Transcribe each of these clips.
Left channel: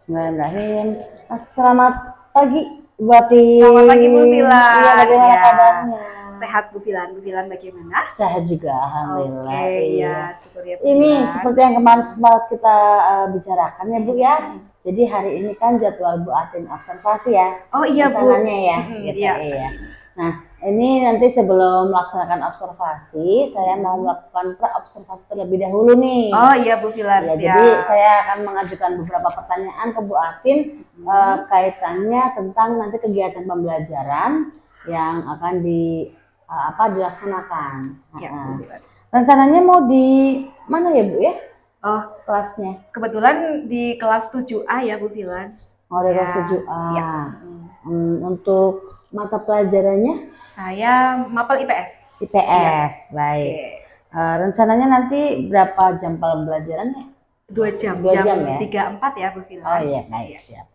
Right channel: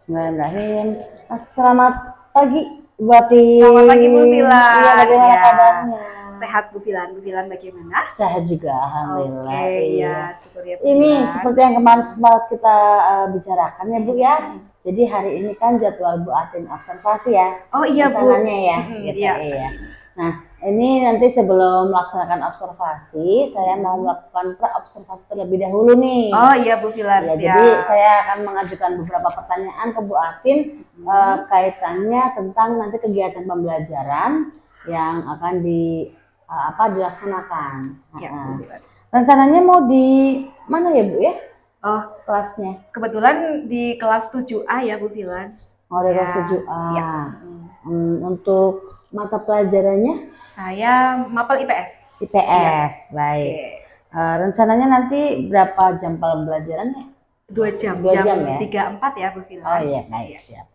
Bismillahirrahmanirrahim. Selamat pagi buat tim. Selamat pagi Bu Filan. Iya, bagaimana Ya. kabarnya? Sehat Bu Filan. Bu Filan bagaimana? Sehat juga, alhamdulillah. Oke, Iya. ya syukur ya Bu Ini Filan. seperti yang kemarin sempat kita bicarakan ya Bu ya. Jadi hari ini kan jadwal Bu Atin observasi ya. Oh iya Bu. Rencananya ya. Gitu, Iya. iya. Nah, ini nanti sebelum melaksanakan observasi, saya mau melakukan pra-observasi terlebih dahulu nih. Oh iya Bu Filan. Ya, siap. jadi saya akan mengajukan beberapa pertanyaan ke Bu Atin kaitannya tentang nanti kegiatan pembelajaran yang akan dilaksanakan. Ya, Bu Filan. Rencananya mau di mana ya Bu ya? Oh, Kelasnya? kebetulan di kelas 7A ya Bu Filan. Oh, dari Ya, kelas 7A. ya. Untuk mata pelajarannya? Saya mapel IPS. IPS, baik. Oke. Rencananya nanti berapa jam pembelajarannya? 2 jam. 2 jam ya? 3-4 ya Bu Filan. Oh iya, baik, siap.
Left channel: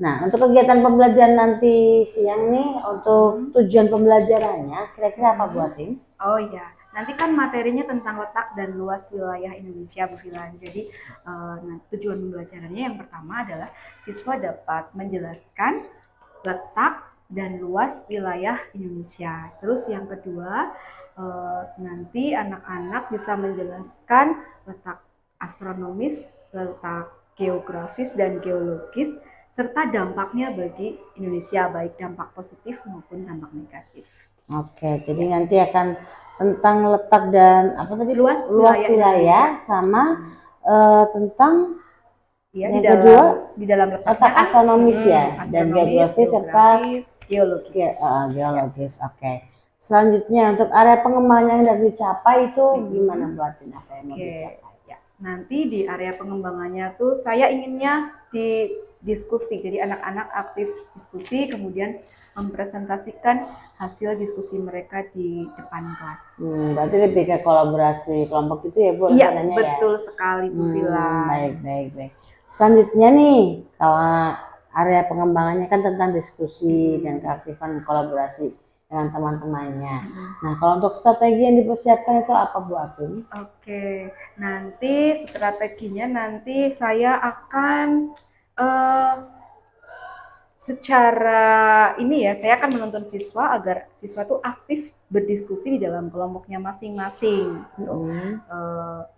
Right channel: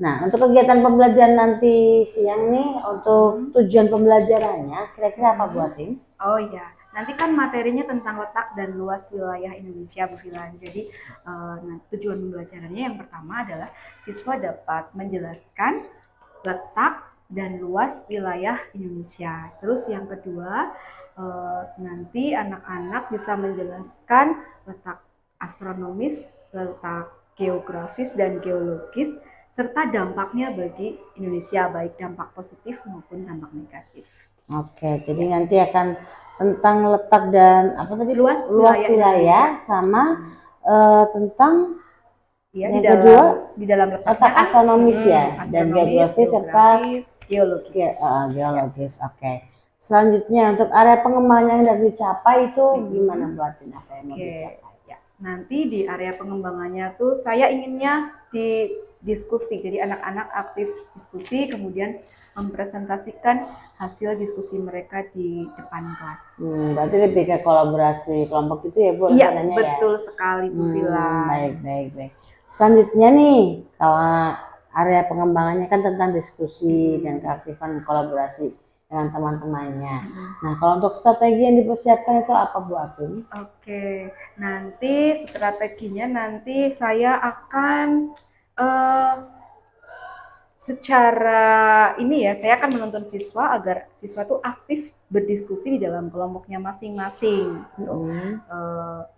Nah, untuk kegiatan pembelajaran nanti siang nih, untuk tujuan pembelajarannya, kira-kira apa Bu Atin? Oh iya, nanti kan materinya tentang letak dan luas wilayah Indonesia Bu Filan. Jadi tujuan pembelajarannya yang pertama adalah siswa dapat menjelaskan letak dan luas wilayah Indonesia. Terus yang kedua, nanti anak-anak bisa menjelaskan letak astronomis, letak geografis dan geologis, serta dampaknya bagi Indonesia, baik dampak positif maupun dampak negatif. Oke, jadi nanti akan tentang letak dan apa tadi? Luas wilayah sama tentang ya, yang di dalam letaknya letak kan astronomis ya, dan geografis serta geologis. geologis. Oke. Selanjutnya untuk area pengembangan yang sudah dicapai itu gimana buatin apa yang mau dicapai? Ya. Nanti di area pengembangannya tuh saya inginnya di diskusi. Jadi anak-anak aktif diskusi, kemudian mempresentasikan hasil diskusi mereka di depan kelas. Berarti lebih ke kolaborasi kelompok itu ya Bu? Iya, betul sekali Bu Filan. Baik. Selanjutnya nih, kalau area pengembangannya kan tentang diskusi dan keaktifan kolaborasi dengan teman-temannya. Nah, kalau untuk strategi yang dipersiapkan itu apa Bu Atin? Oke, nanti strateginya nanti saya akan secara ini ya, saya akan menuntun siswa agar siswa tuh aktif berdiskusi di dalam kelompoknya masing-masing.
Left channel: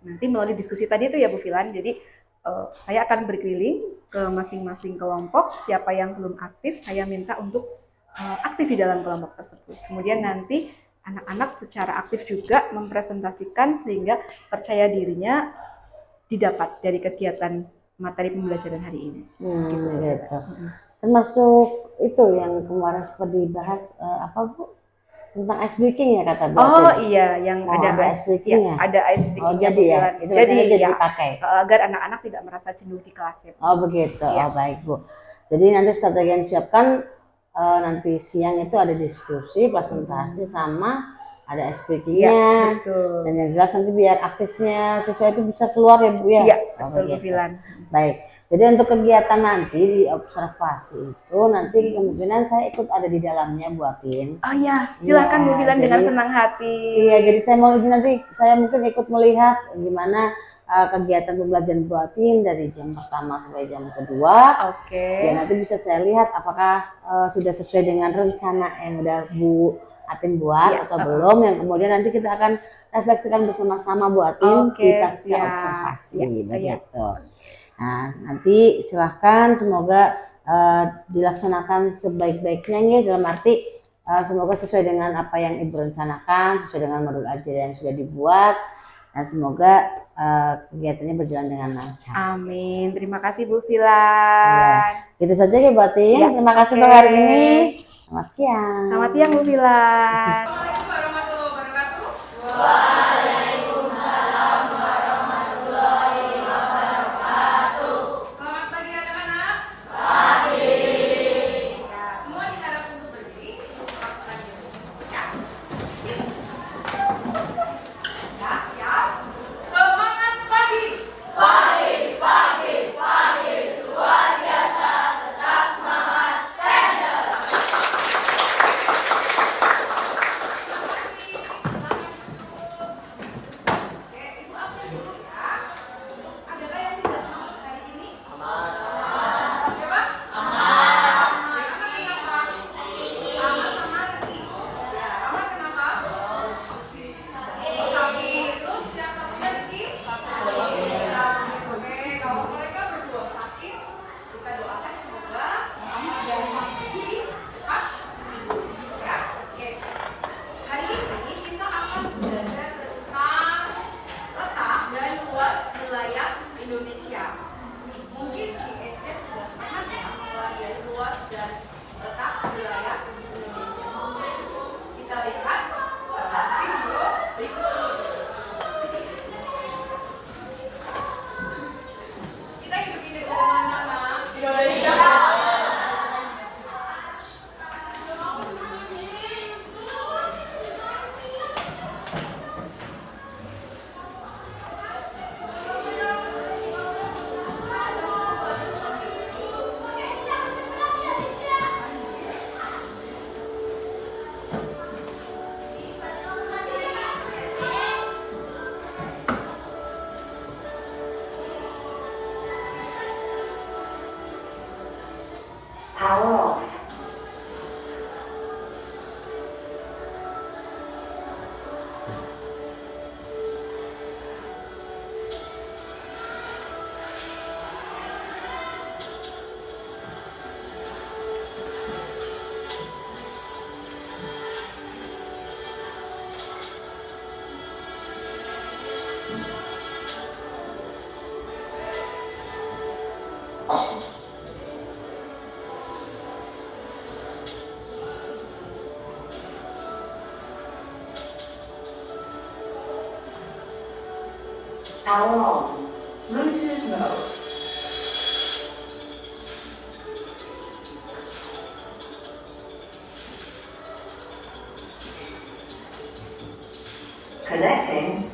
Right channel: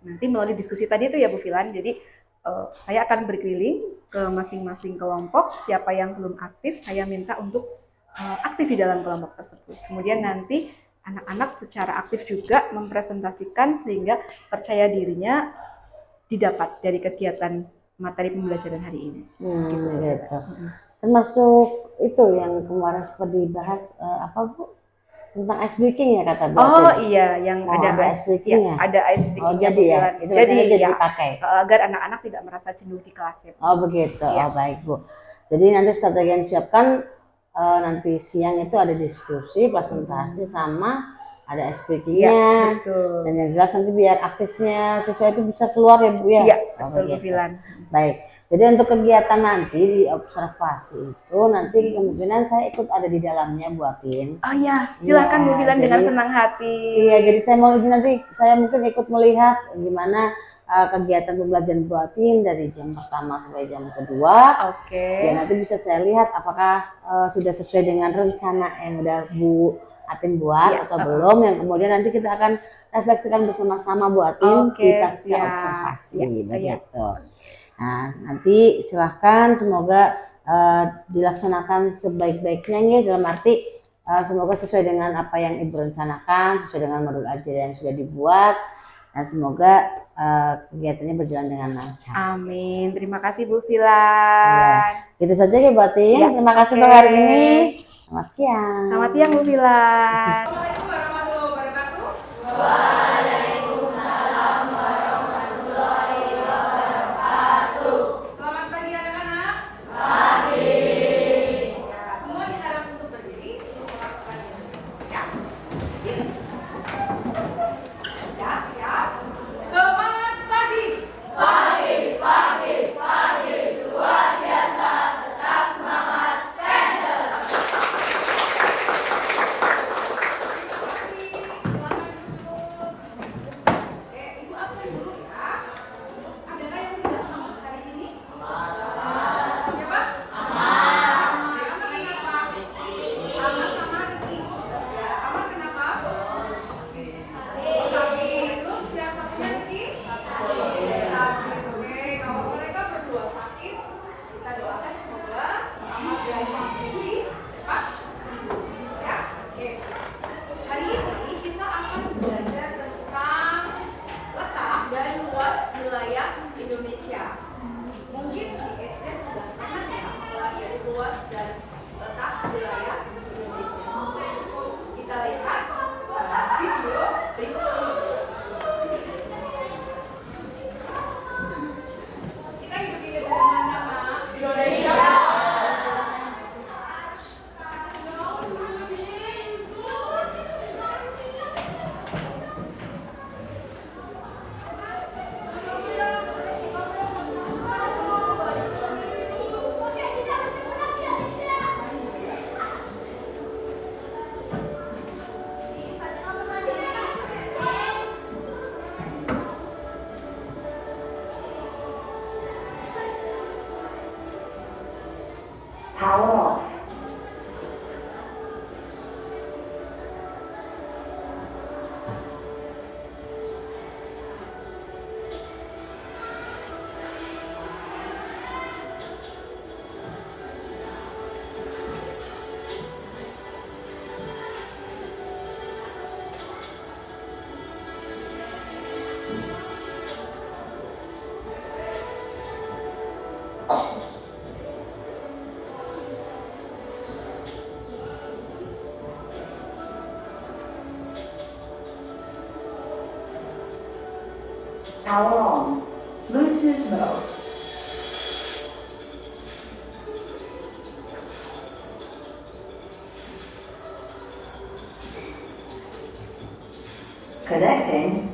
Nanti melalui diskusi tadi itu ya Bu Filan, jadi saya akan berkeliling ke masing-masing kelompok, siapa yang belum aktif saya minta untuk aktif di dalam kelompok tersebut. Kemudian nanti anak-anak secara aktif juga mempresentasikan sehingga percaya dirinya didapat dari kegiatan materi pembelajaran hari ini. Gitu. Termasuk itu yang kemarin sempat dibahas apa Bu? Tentang ice breaking ya kata Bu. Oh iya, yang ada ice breaking ya? Ada ice breaking. Oh jadi ya, itu jadi dipakai agar anak-anak tidak merasa jenuh di kelas ya. Oh begitu, oh baik Bu. Jadi nanti strategi yang disiapkan nanti siang itu ada diskusi, presentasi sama ada ice breakingnya. Dan yang jelas nanti biar aktifnya siswa itu bisa keluar ya Bu ya. Iya, betul Bu Filan. Baik. Jadi untuk kegiatan nanti di observasi itu nanti kemungkinan saya ikut ada di dalamnya buatin. Oh iya, silakan Bu Filan dengan senang hati. Iya, jadi saya mau nanti saya mungkin ikut melihat gimana kegiatan pembelajaran buatin dari jam pertama sampai jam kedua. Oke. Ya nanti bisa saya lihat apakah sudah sesuai dengan rencana yang udah Bu Atin buat atau belum. Yang kemudian nanti kita akan refleksikan bersama-sama Bu Atin di pasca observasi begitu. Nah, nanti silahkan semoga dilaksanakan sebaik-baiknya ya, dalam arti semoga sesuai dengan apa yang Ibu rencanakan, sesuai dengan modul ajar yang sudah dibuat, dan semoga kegiatannya berjalan dengan lancar. Amin. Terima kasih Bu Filan. Ya, itu saja ya Bu Atin. Ya, terima kasih untuk hari ini. Selamat siang. Selamat siang Bu Filan. Power on. Power on. Bluetooth mode. Connecting.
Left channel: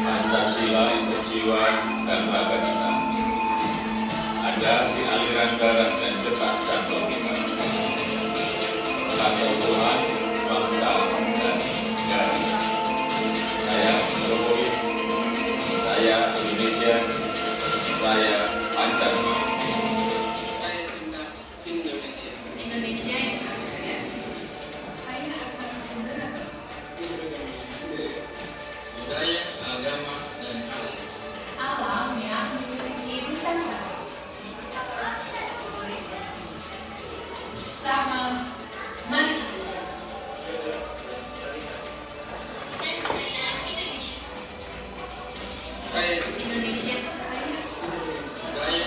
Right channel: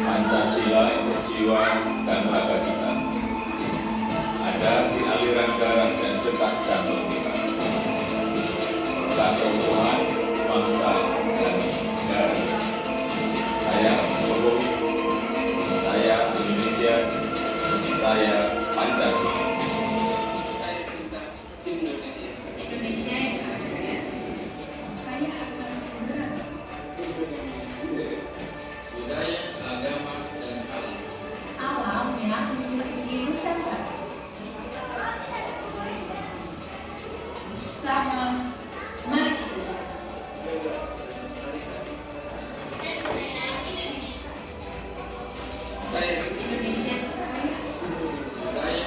Pancasila untuk jiwa dan raga kita, ada di aliran darah dan detak jantung kita, tentang keutuhan bangsa dan negara. Saya Jokowi, saya Indonesia, saya Pancasila. Saya cinta Indonesia. Indonesia yang sangat kaya, kaya harta dan beragam. Budaya, agama, dan alam. Alam yang memiliki Nusantara. Bersama, mari kita jaga. Saya Indonesia kaya, budaya,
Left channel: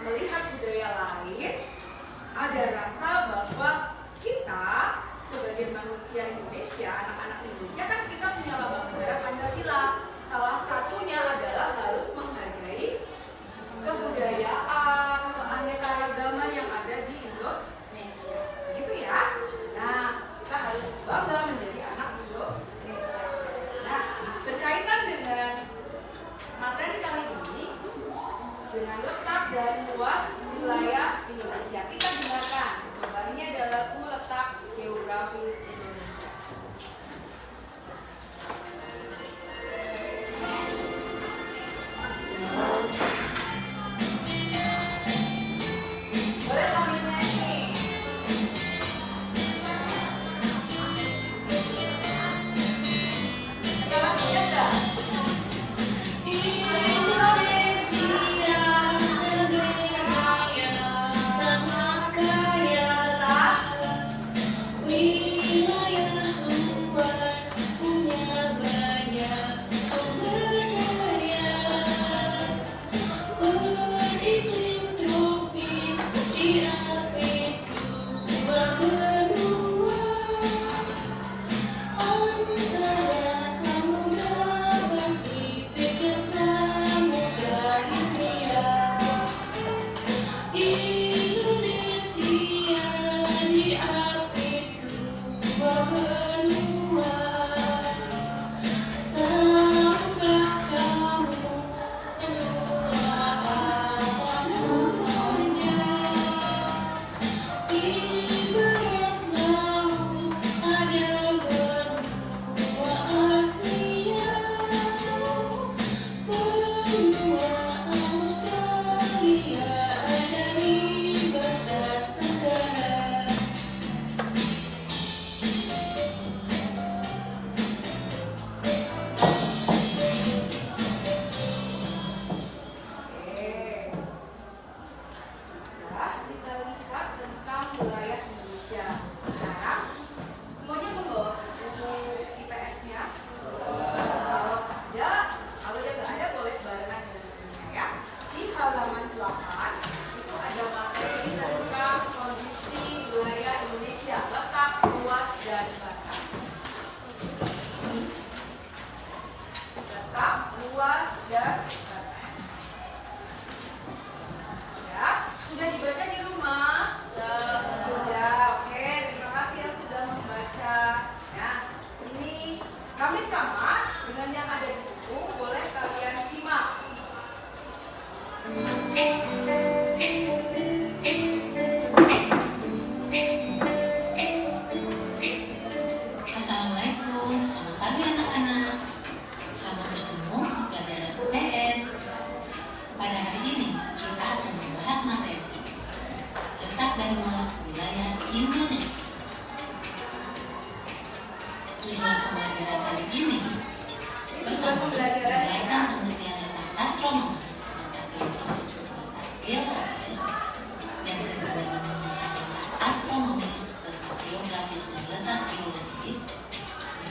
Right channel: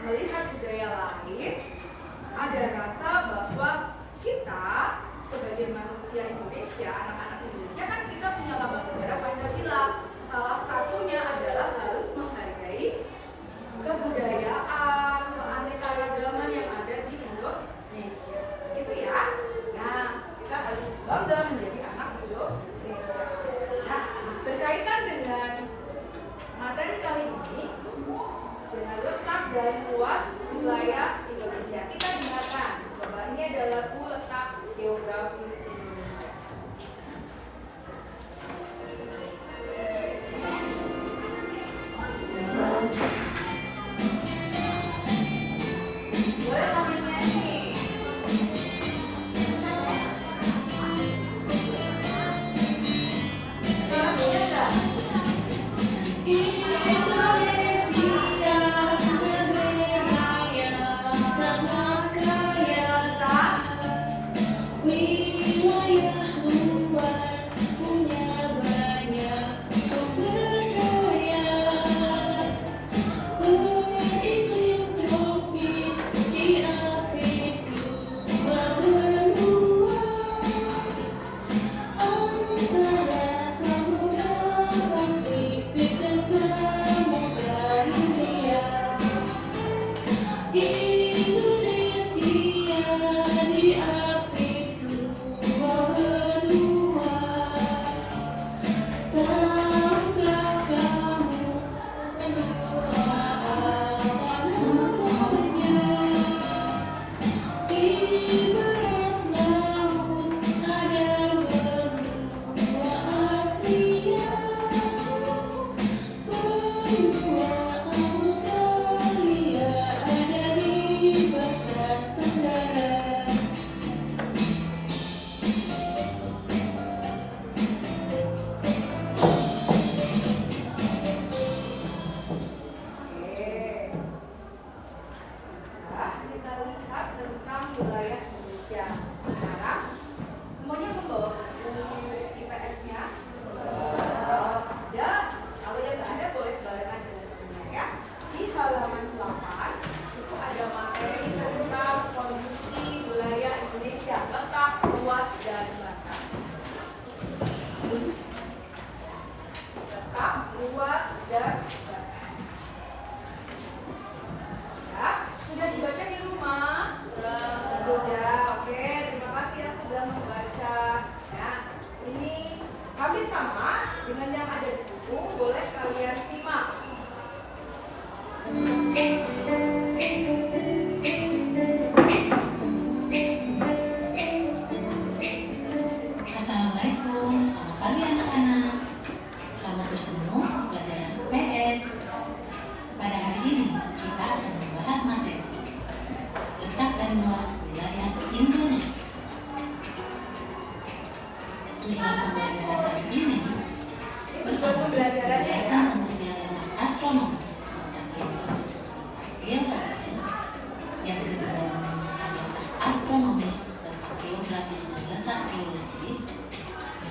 melihat budaya lain, ada rasa bahwa kita sebagai manusia Indonesia, anak-anak Indonesia kan kita punya lambang negara Pancasila. Salah satunya adalah harus menghargai kebudayaan, keanekaragaman yang ada di Indonesia. Gitu ya. Nah, kita harus bangga menjadi anak Indonesia. Nah, berkaitan dengan materi kali ini, dengan letak dan luas wilayah Indonesia, kita dengarkan. Coba ini adalah letak geografis Indonesia. Boleh sambil nyanyi. Jangan punya enggak?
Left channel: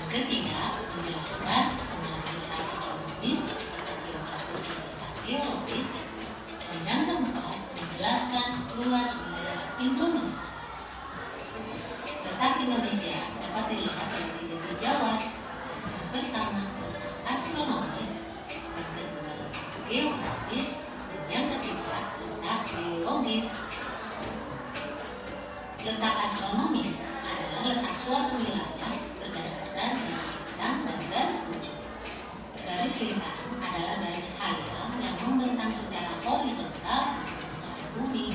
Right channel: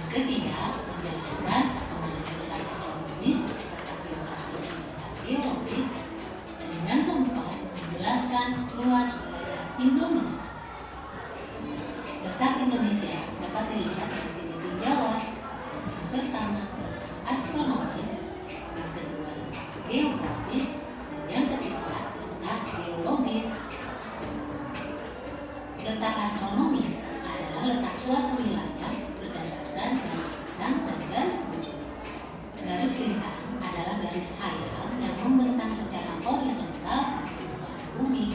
Ketiga, menjelaskan tentang letak astronomis, letak geografis, dan letak geologis. Dan yang keempat, menjelaskan luas wilayah Indonesia. Letak Indonesia dapat dilihat dari tiga tinjauan. Yang pertama, letak astronomis. Yang kedua, letak geografis. Dan yang ketiga, letak geologis. Letak astronomis adalah letak suatu wilayah berdasarkan garis lintang dan garis bujur. Garis lintang adalah garis khayal yang membentang secara horizontal di permukaan bumi,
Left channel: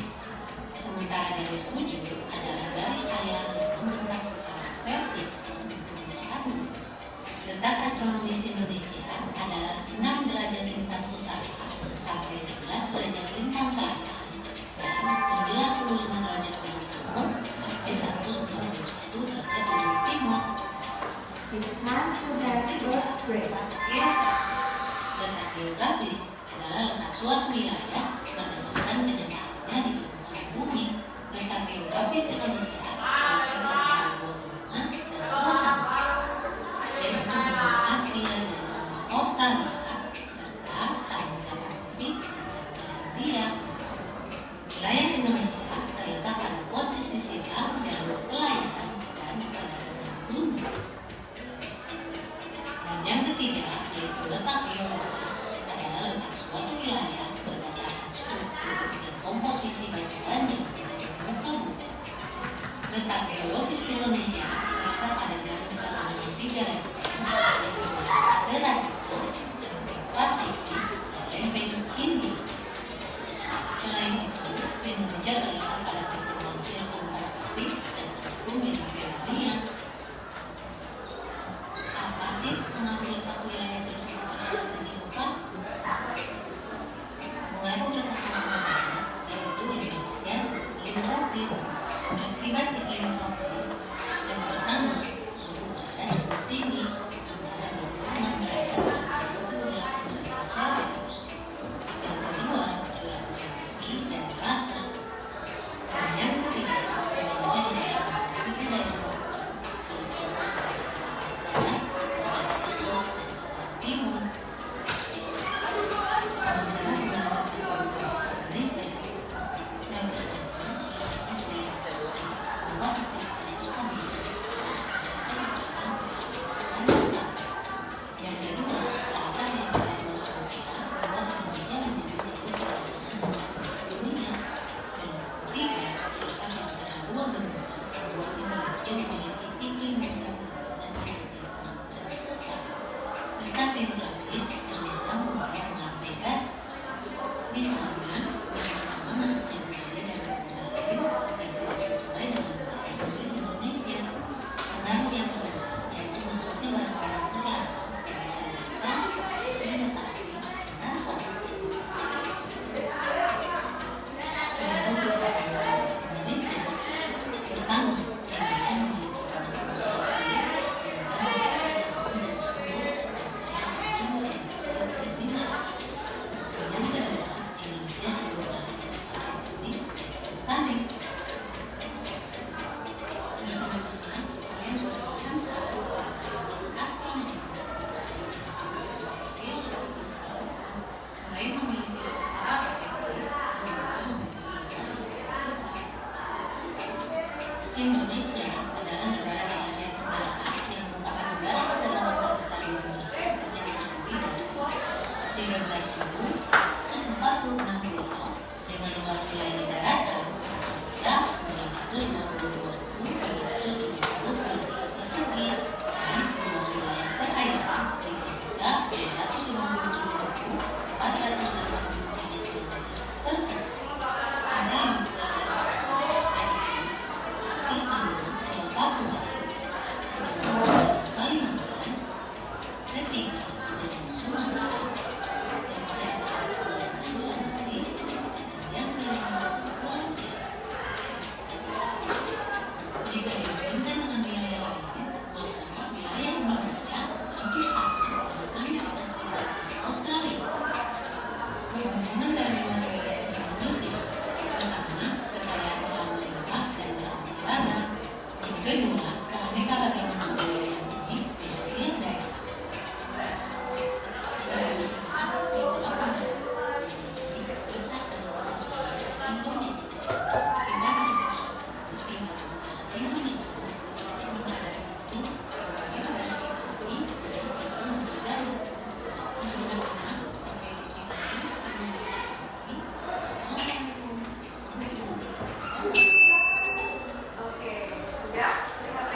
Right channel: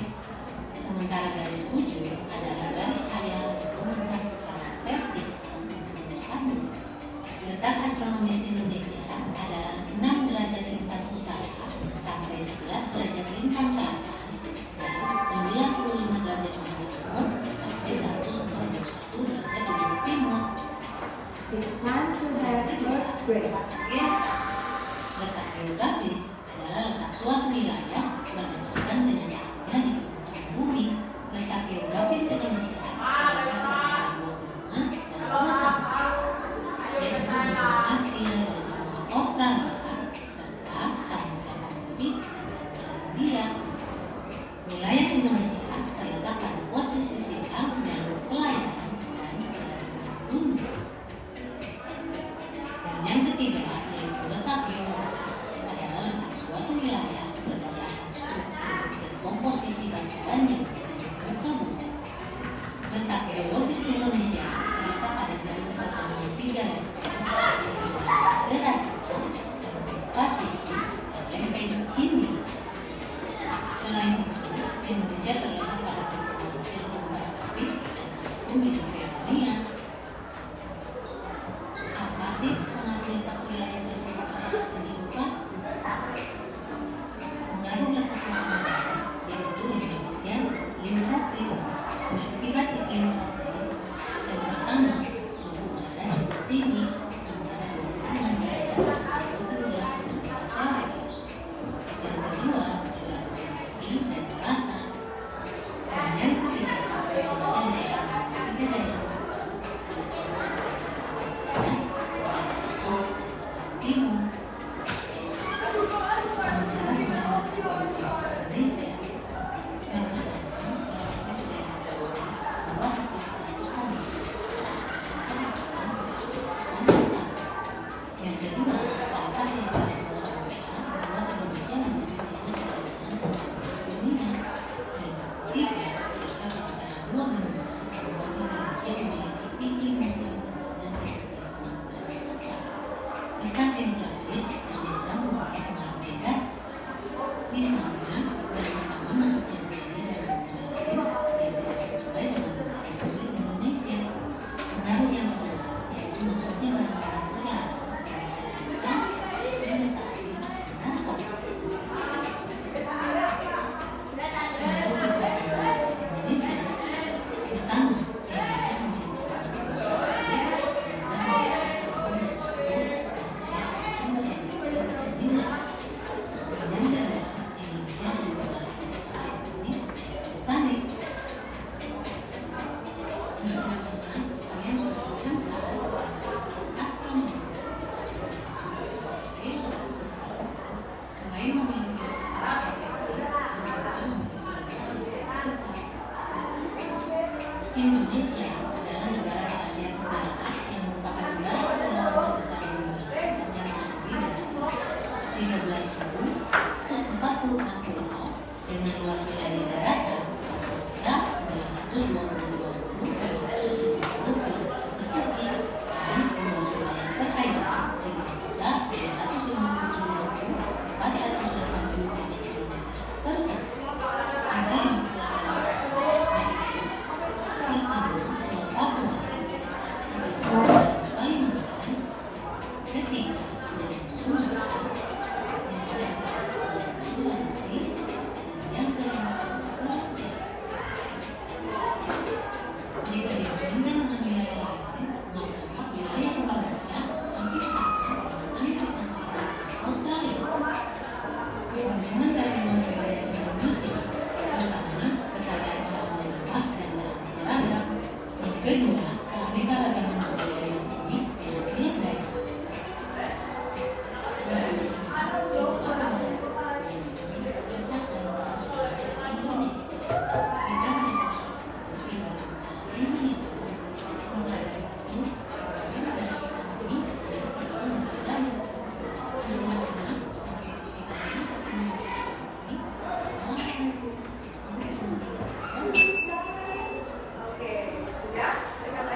sementara garis bujur adalah garis khayal yang membentang secara vertikal di permukaan bumi. Letak astronomis Indonesia adalah 6 derajat lintang utara sampai 11 derajat lintang selatan dan 95 derajat ujung sampai 191 derajat ujung timur. It's time to have first break. Letak geografis adalah letak suatu wilayah berdasarkan kenyataannya di permukaan bumi. Letak geografis Indonesia adalah antara dua benua dan dua samudra, yaitu benua Asia dan benua Australia, serta Samudra Pasifik dan Samudra Hindia. Indonesia terletak pada pertemuan sirkum Pasifik dan sirkum Mediterania. Apa sih pengaruh letak wilayah tersebut terhadap kehidupan? Pengaruh letak geografis, yaitu Indonesia geografis, akibat iklim tropis. Yang pertama, suhu udara cukup tinggi, antara 26 derajat sampai 28 derajat Celcius. Yang kedua, curah hujan tinggi dan merata. Dan yang ketiga, Indonesia didaerah tiga dari timur. Sementara pembangunan Indonesia yang terdapat dua aktivitas utama. Yang kedua, terletak di antara dua samudra membuat Indonesia menjadi titik perdagangan strategis dunia. Dan yang ketiga, terletak di antara dua benua membuat Indonesia memiliki iklim musim dan keistimewaan dan segar. Letak geografis ternyata memiliki pengaruh negatif. Misalnya, yang pertama masuknya budaya dari negara lain yang tidak sesuai dengan budaya asli Indonesia. Pengaruh yang kedua yaitu masuknya barang-barang terlarang dari senjata, senjata api, dan kopi. Pengaruh juga pada Indonesia. Pertama, Indonesia memiliki banyak budaya lain sehingga memiliki pengaruh dari suku dan budaya sumber yang terminal. Yang kedua, Indonesia sebagai negara ini tertarik. Nah, teman-teman, kalian sudah mendengar astronomi. Selain memiliki letak strategis, Indonesia memiliki infrastruktur besar. Indonesia adalah negara di Asia Tenggara yang merupakan negara kepulauan terbesar di dunia yang terdiri dari 13.146 pulau dengan luas wilayah daratan sebanyak 922.570 km persegi dan luas wilayah perairan 3.457.483 km persegi. Ada yang luas yaitu pertama Pulau Papua, Kalimantan, ketiga Pulau Sumatera, yang kedua Pulau Sulawesi, dan yang kelima Pulau Jawa. Jika dibandingkan dengan wilayah lainnya, maka wilayah Indonesia hampir sama dengan Amerika Serikat dan Australia. Keuntungan dari luas wilayah Indonesia pertama, kekayaan alam melimpah dan beraneka ragam. Yang kedua, keanekaragaman budaya yang unik di setiap daerah. Yang ketiga, itulah pembahasan mengenai letak dan luas wilayah Indonesia. Kita harus bertiga negara Indonesia. Sementara itu, kalian dari kami adalah calon negara. Mudah-mudahan sampai di sini ini. Assalamualaikum warahmatullahi wabarakatuh. Oke, sudah lihat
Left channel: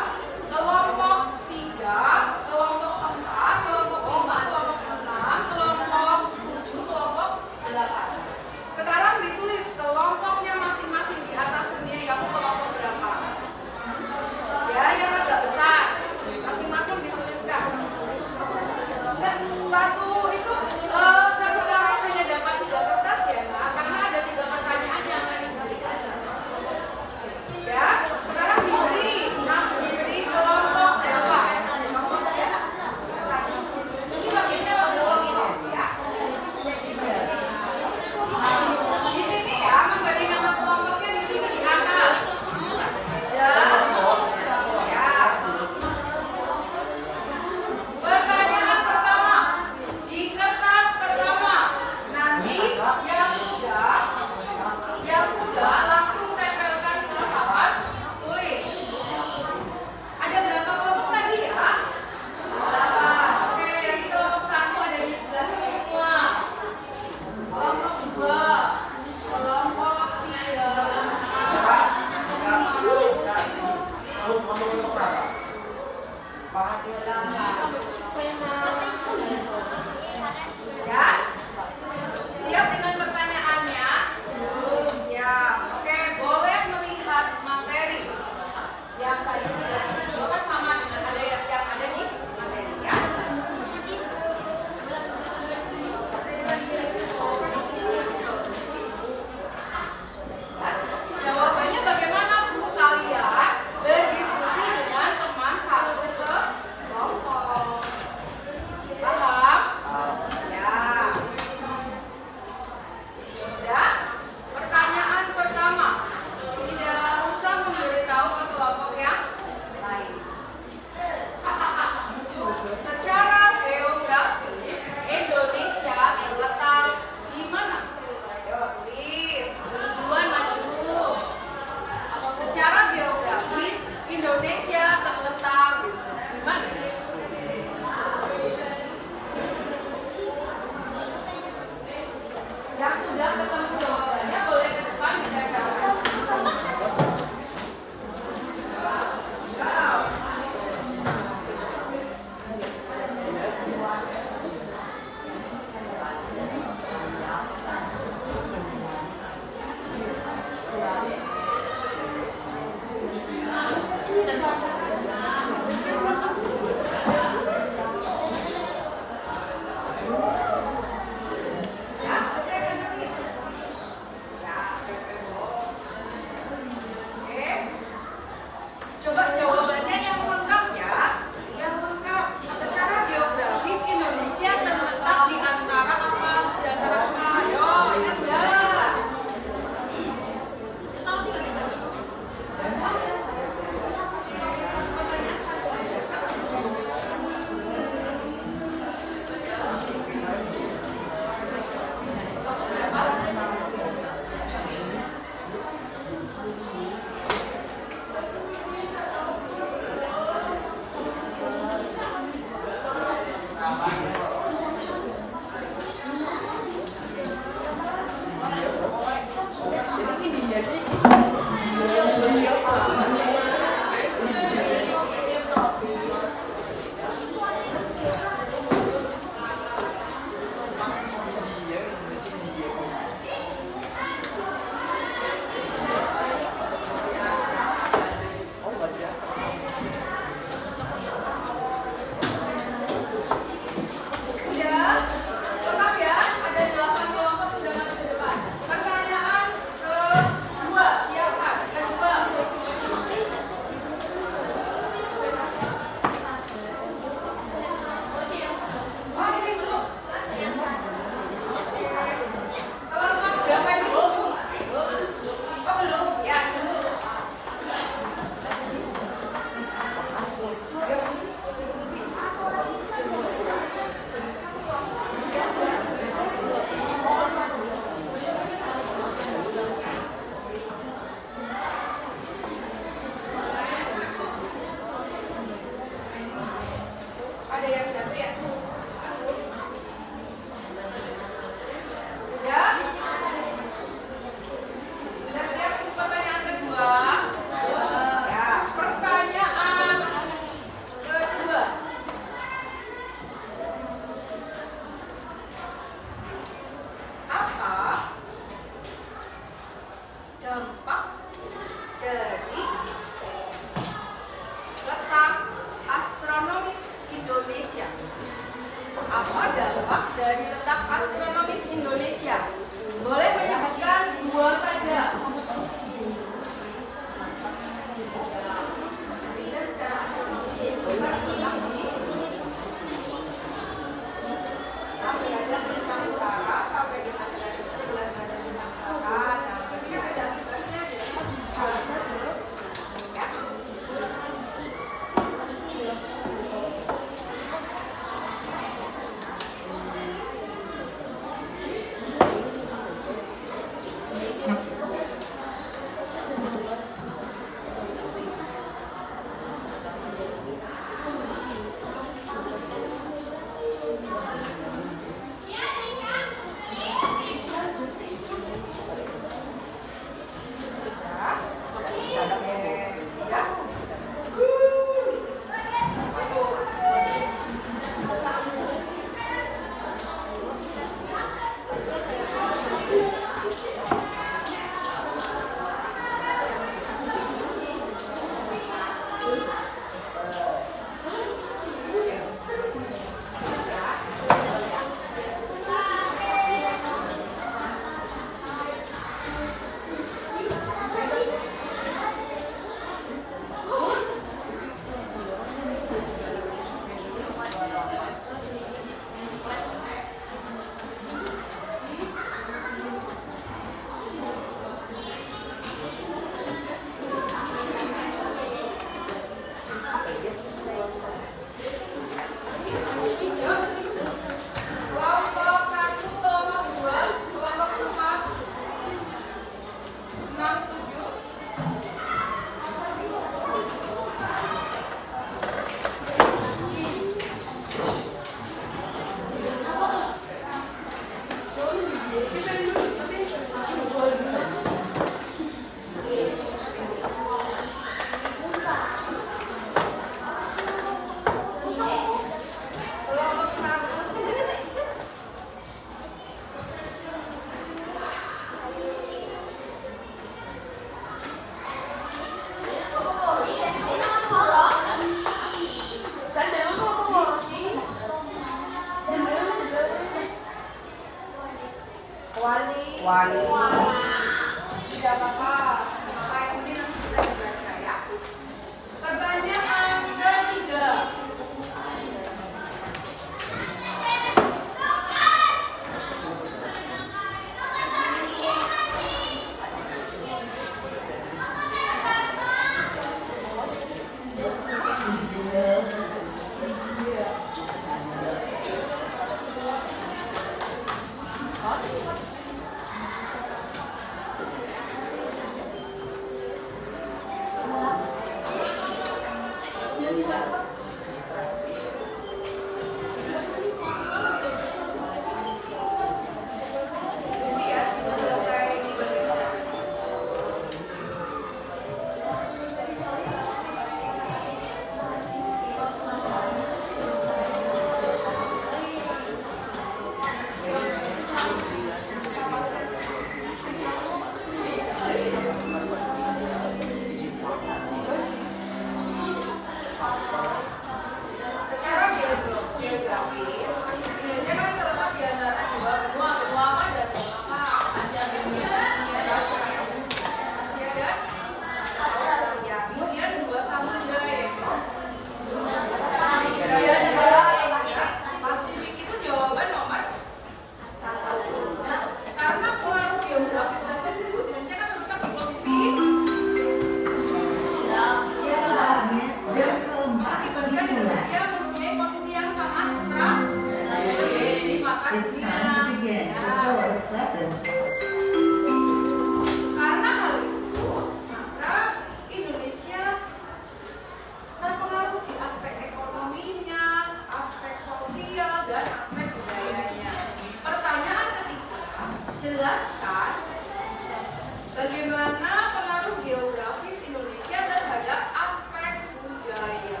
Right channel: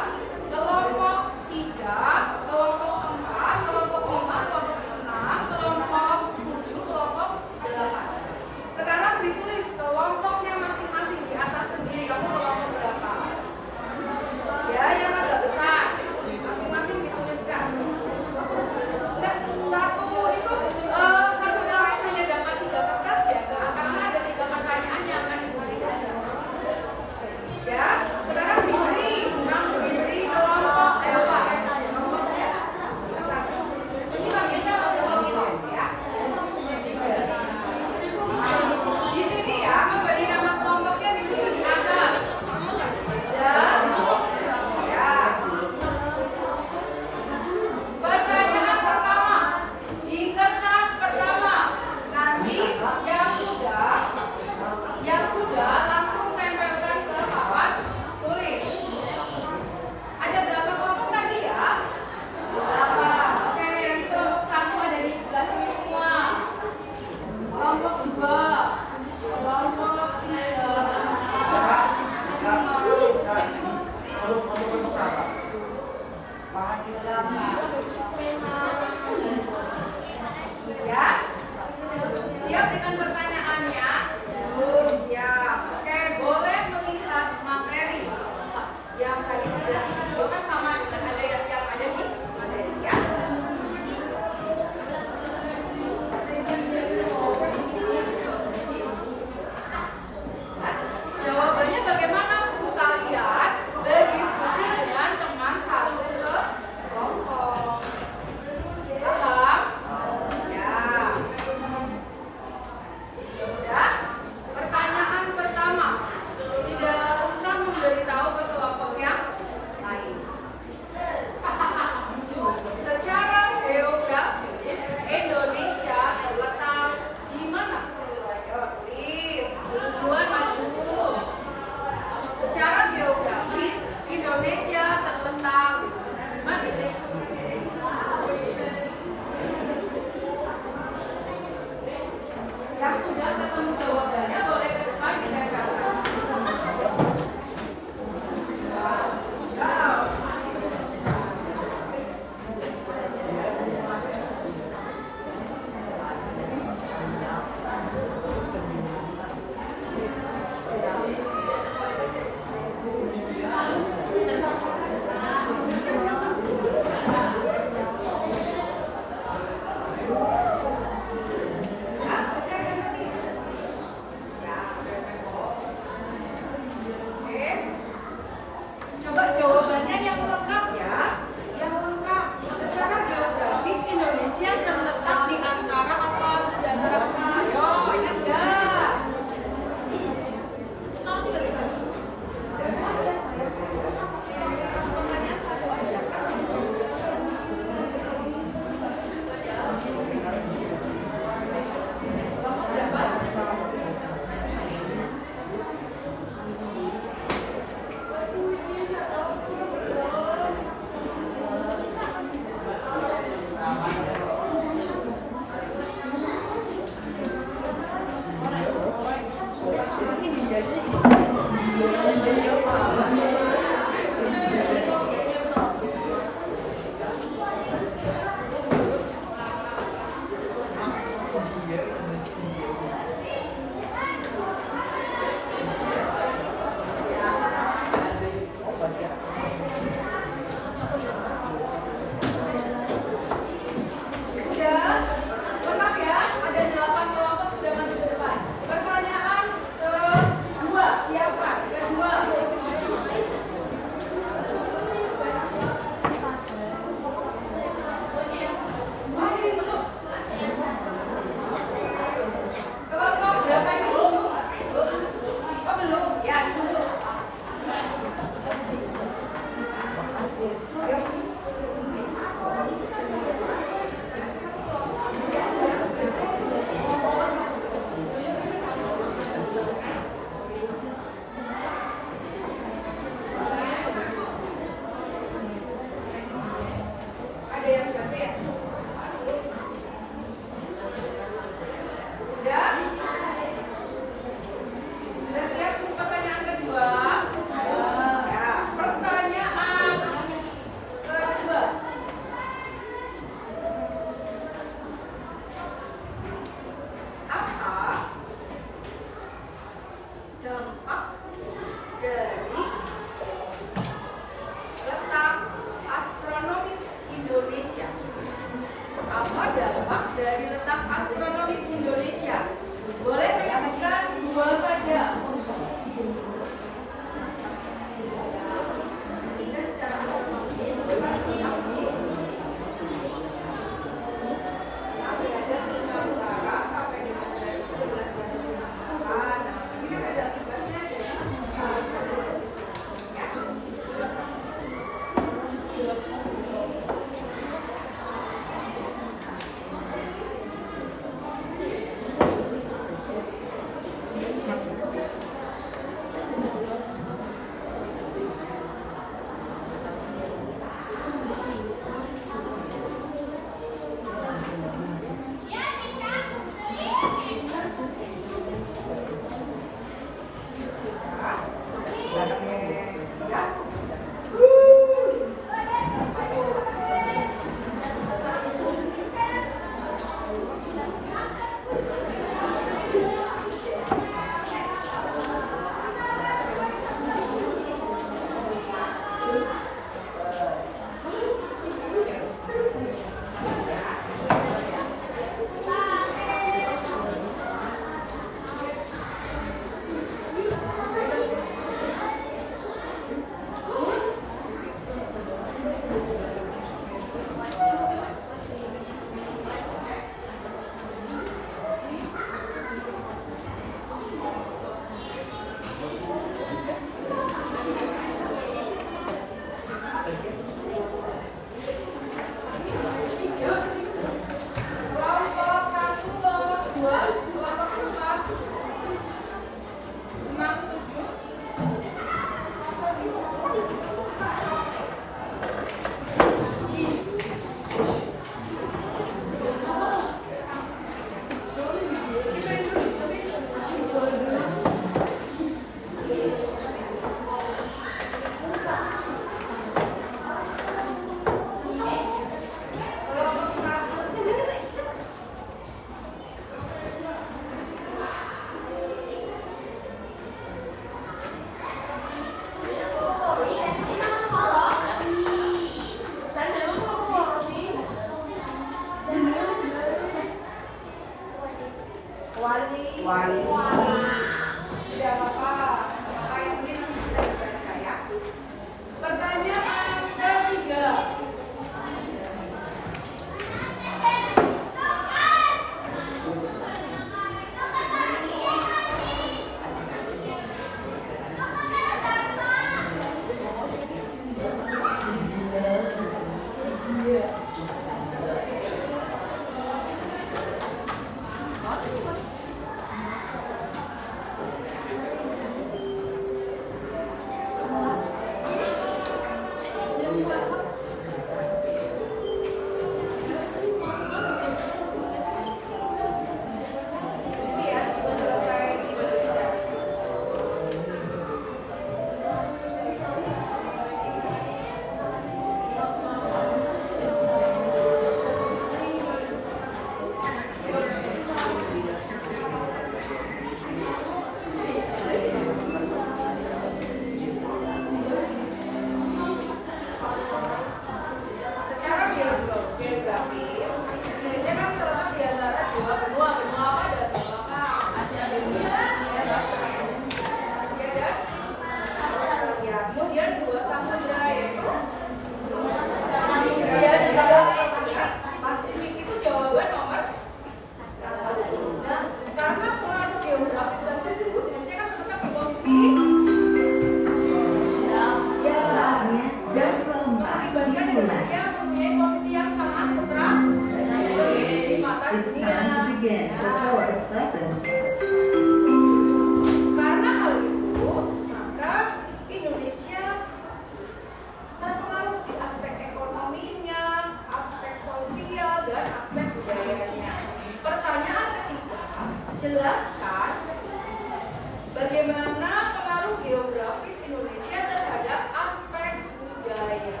geografis Indonesia terhadap aspek budaya.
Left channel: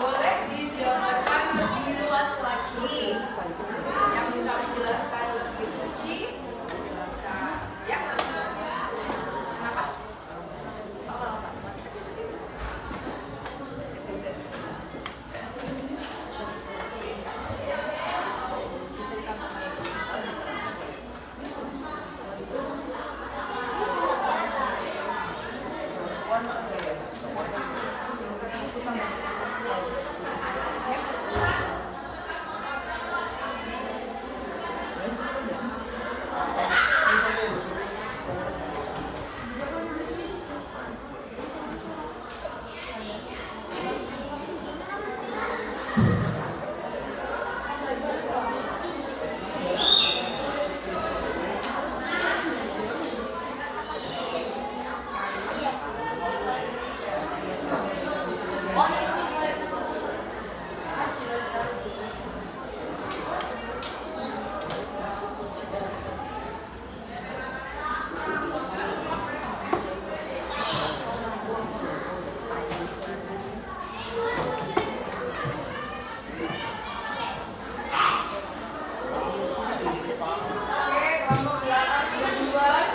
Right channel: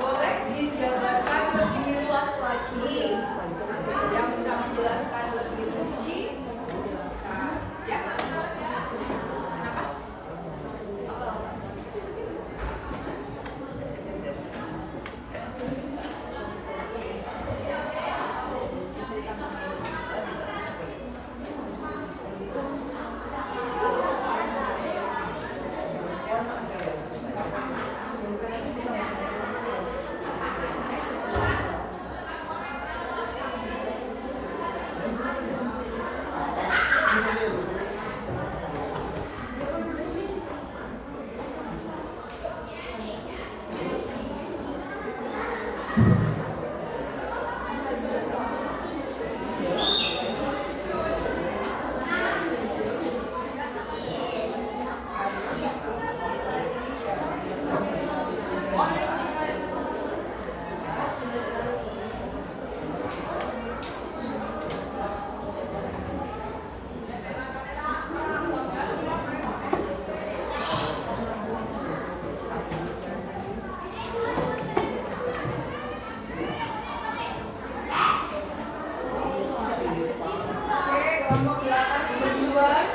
Boleh dijabarkan lebih luas lagi. Yang bisa menjelaskan lebih rinci, menjelaskan. Ya. Kenapa? Oke, kelompok 8 sudah duluan.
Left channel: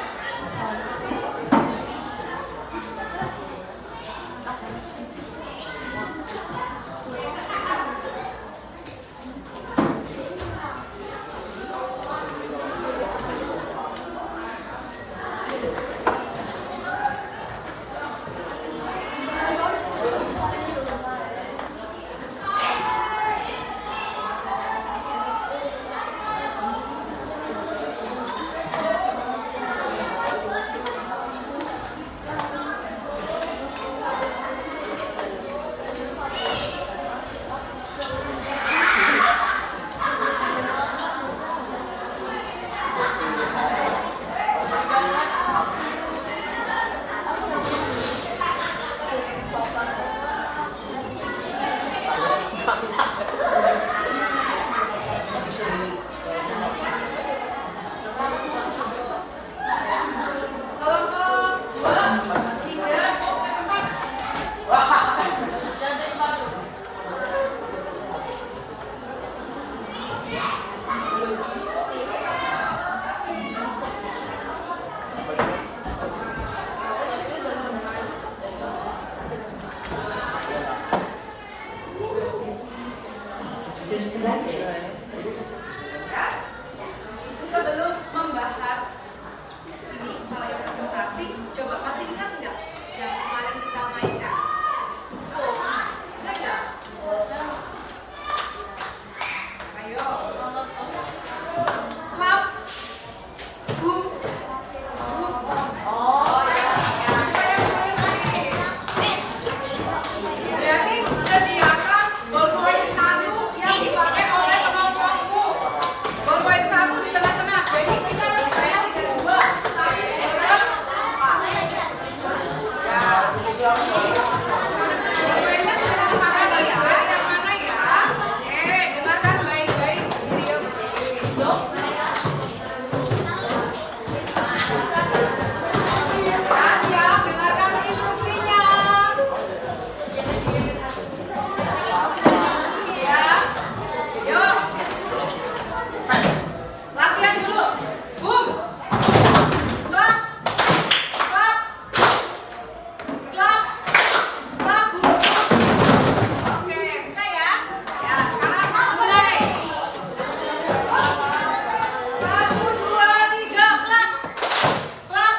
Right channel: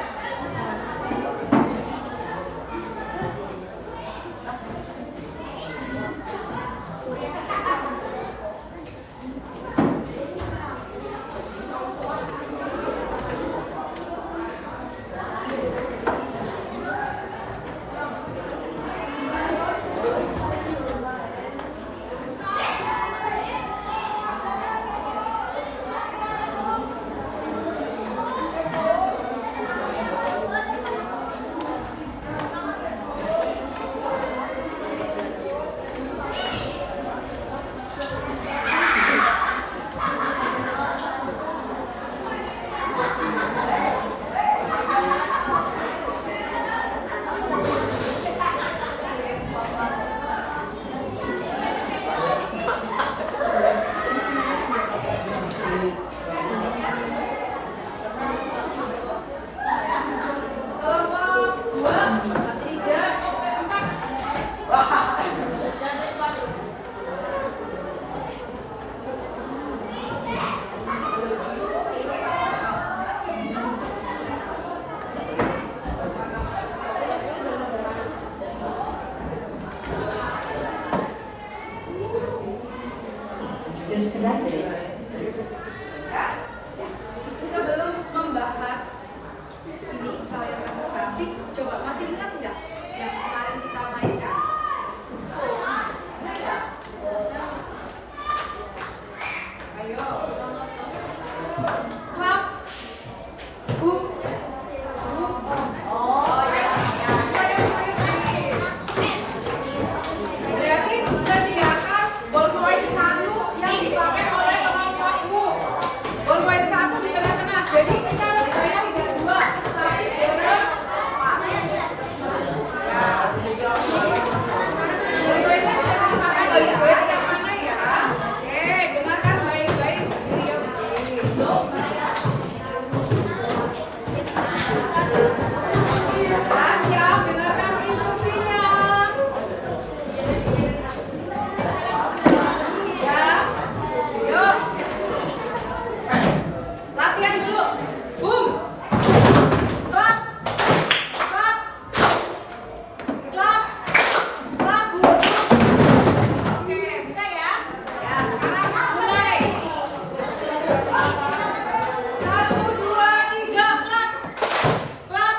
Sebelum membahas ini hal yang presentasi, coba masih ingat nggak yang kemarin kita mainkan? Ingat nggak? Ayo. Clap. Boom. Boom. Oh ya. Semuanya lagi. Berarti sediakan ballpoint 1 yang dipakai oleh kelompokmu. Ballpoint 1 di tengah-tengah. Jadi saya tidak 2, tapi ya. Ballpointnya kita dipakai baik-baik yang mana ya? Dengarkan baik-baik. Dan ya, dengarkan instruksinya. Ya, yuk. Latihan dulu. Boom. Clap. Clap. Clap. Clap. Boom. Oke, bisa ya? Ya, sekarang mulai. 1, 2, 3, clap. Clap.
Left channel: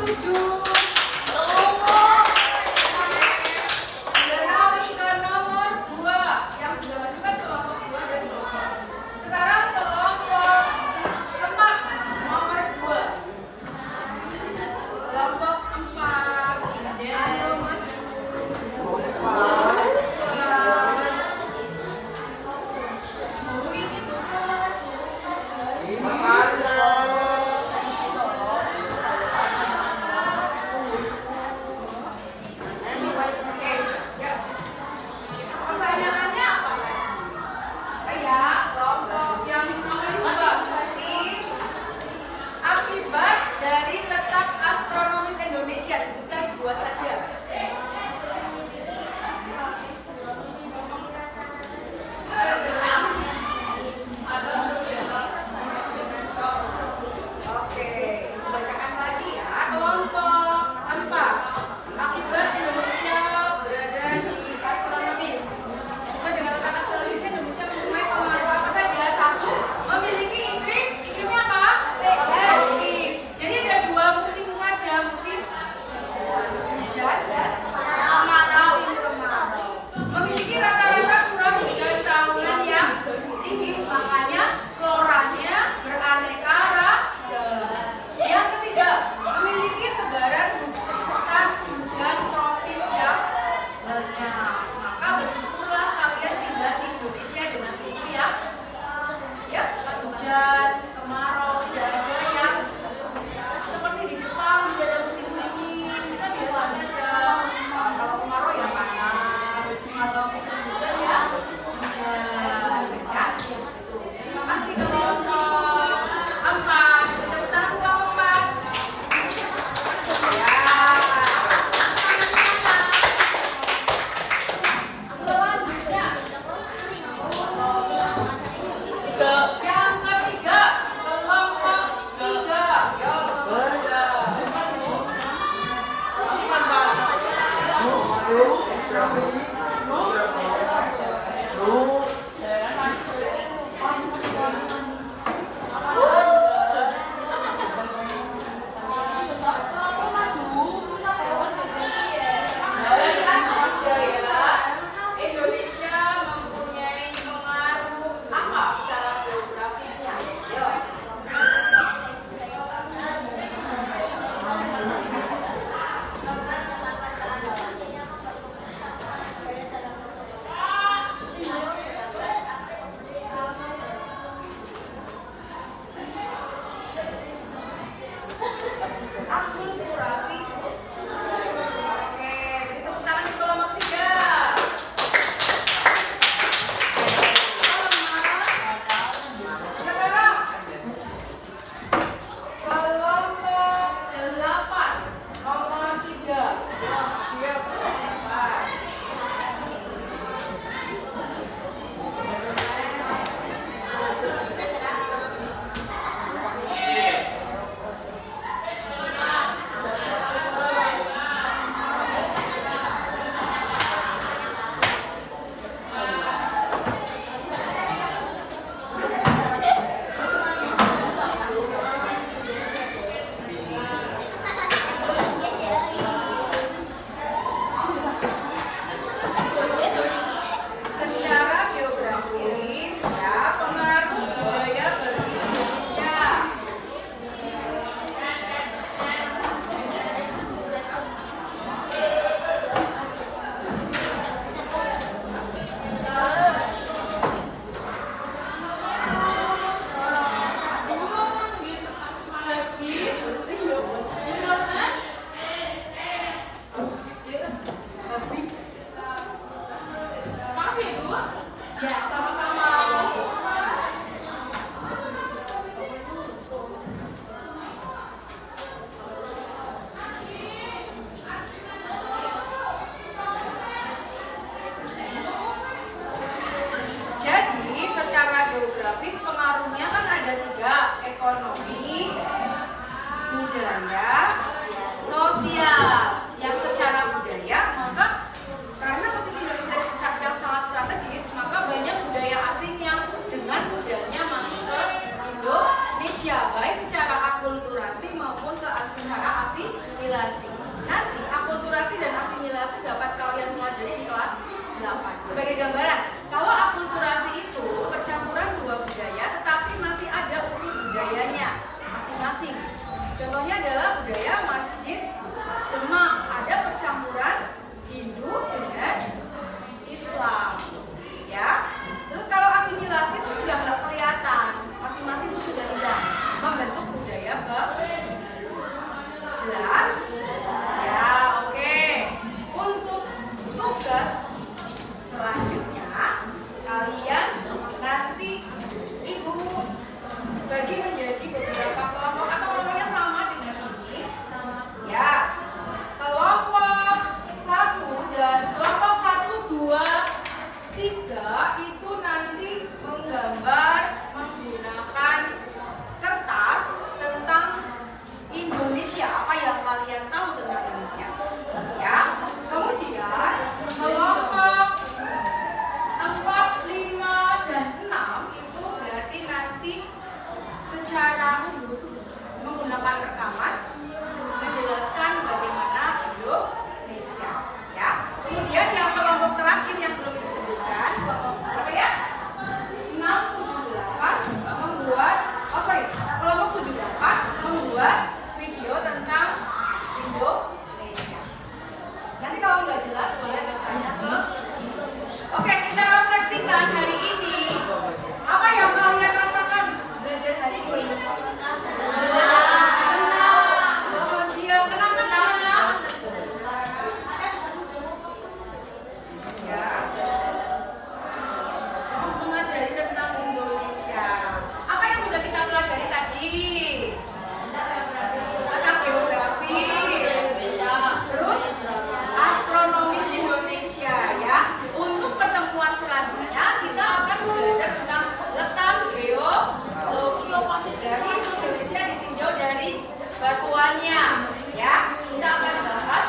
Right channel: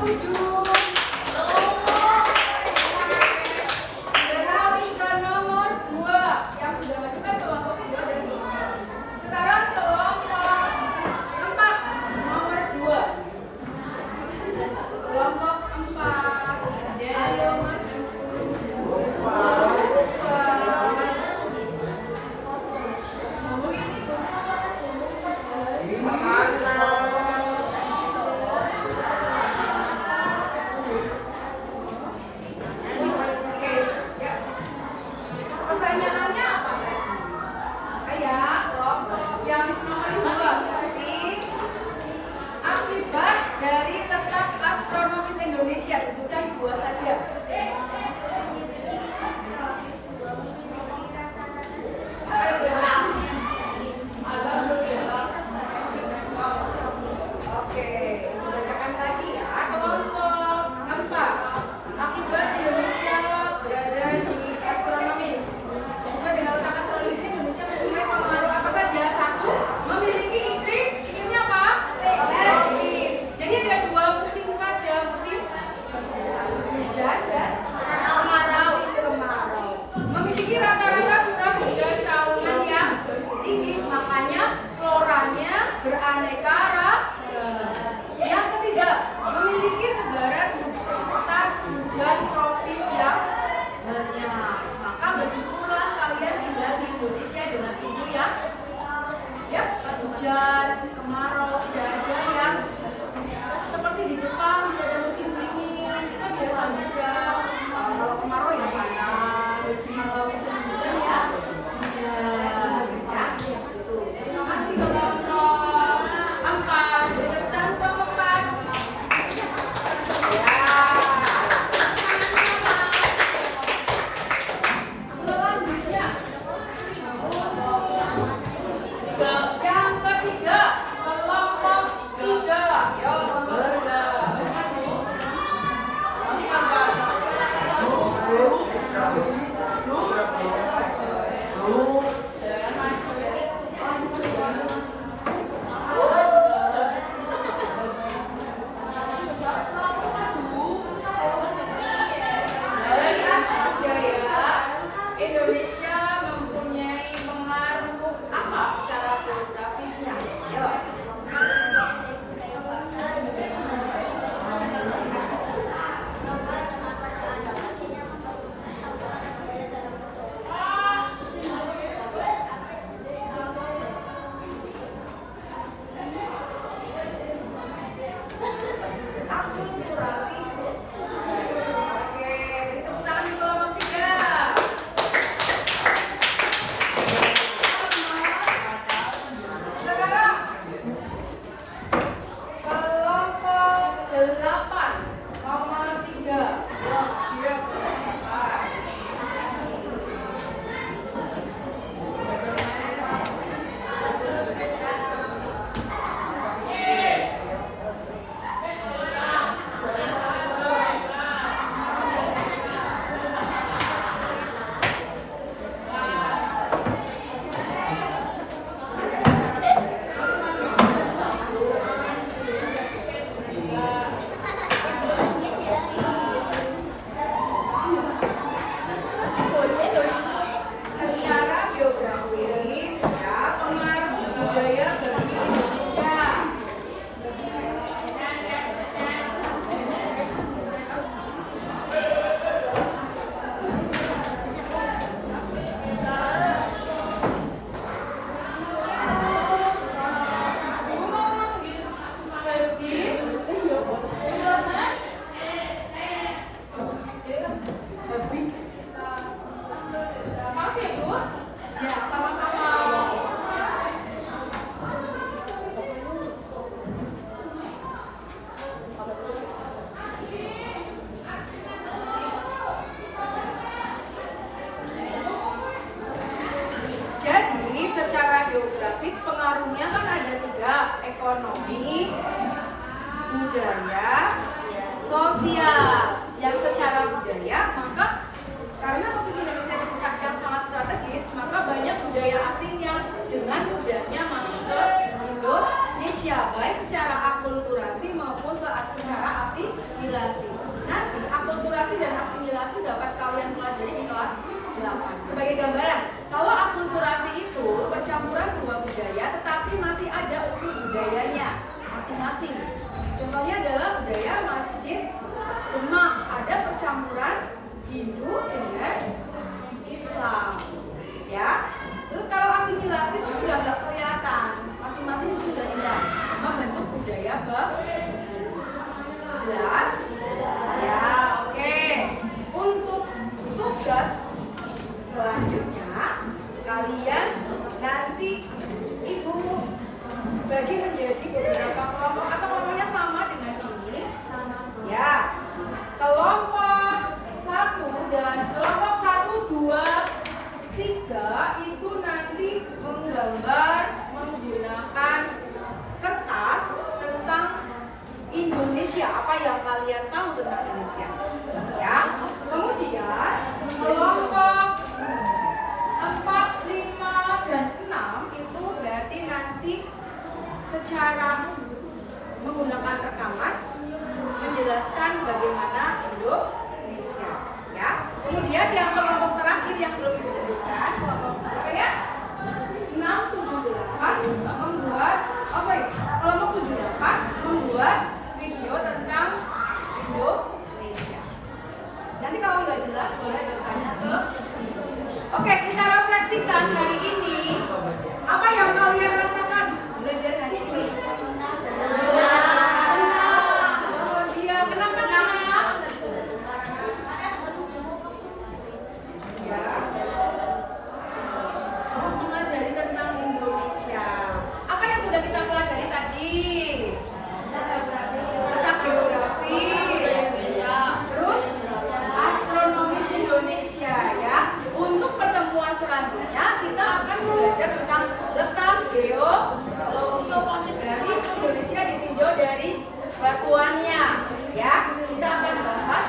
7. Beralih ke nomor 2 yang sudah lanjutkan kelompok 2 dan kelompok. Sekarang kelompok 4 nomor 2. Kelompok 4. Ayo maju. Pertanyaannya apa tadi? Kayak kelompok yang nomor 2 berarti akibat dari letak astronomis Indonesia, sebutkan 2 saja. Oke, bacakan lagi ya. Kelompok 4. Akibat Indonesia berada di astronomis. Sesuai dengan letak astronomis Indonesia mempunyai pengaruh apa saja? 1. Memiliki iklimnya apa? Tropis. Jadi ada 2 musim saja, musim hujan dan kemarau. Memiliki rata-rata curah hujan tahunan yang tinggi, makanya floranya beraneka ragam. Yang ketiga, memiliki sebaran hujan tropis yang banyak. Maka bersyukurlah kalian tinggal di Indonesia dengan suhu yang hujan, kemarau, tidak ada yang seperti di Jepang tidak ada musim dingin. Kita biasa saja. Kalau kemarau yang panas, kalau musim hujan ya hujan. Ya, gitu. Terima kasih kelompok 4. Berikan tangan kelompok 4. Ya. Selanjutnya, yang ketiga, kelompok 3. Ya, kelompok 3. Dari aspek biaya, Indonesia mempunyai pengaruh apa secara geografisnya? Yuk. Akulturasi. Oke, beri tepuk tangan di kelompok 3. Sekarang kelompok 8 nomor 3. Secara geografis, ya, pengaruh budaya bagi Indonesia. Makasih Ibu. Ya, sama-sama. Jadi, secara geografis pengaruhnya kan ada 3, ekonomi, budaya, sosial. Yang secara budaya, maka karena posisi Indonesia yang sangat strategis, maka banyak budaya asing yang dengan mudahnya masuk ke Indonesia, baik secara akulturasi maupun secara asimilasi. Nanti akulturasi dan asimilasi dapat kalian pelajari di kelas 8. Sebagai gambaran, kalau akulturasi itu percampuran dua budaya tetapi masih ada unsur budayanya masing-masing. Contohnya adalah budaya Masjid Demak, ada percampuran Hindu dengan Islam. Ya. Terus kalau asimilasi itu sudah nggak kelihatan, masing-masing sudah hilang, membentuk budaya baru. Jelas? Ya, oke. Untuk tugas selanjutnya, kalian nanti ibu bagi menjadi beberapa kelompok atau kelompoknya sama dengan ini. Ya, kelompok 1 dan kelompok 1, 2, 3 itu nanti menggambar menggunakan kertas tentang Indonesia, apa yang kalian tahu tentang Indonesia. Ya. Kemudian kelompok 4, 5, dan 6 itu berarti nanti secara menggunakan rekaman menjelaskan bagaimana Indonesia. Ya. Kemudian yang kelompok terakhir yang belum disebutkan, kelompok apa ya? 6, 7, 8 membuat kelompok 7, 8 membuat video tentang Indonesia. Nanti kalau nggak jelas boleh bertanya ke. Oke, kita refleksikan hari ini. Apa yang kalian rasakan belajar hari ini? Senang, bahagia. Kenapa senang? Ya. Mengajari tentang Indonesia. Apa yang sudah kita pelajari tadi? Tentang geografi, terus astronomis Indonesia ya. Untuk pertemuan selanjutnya kita akan belajar tentang letak geologi. Berarti Indonesia ditinjau dari batuannya ya. Kita akan bahas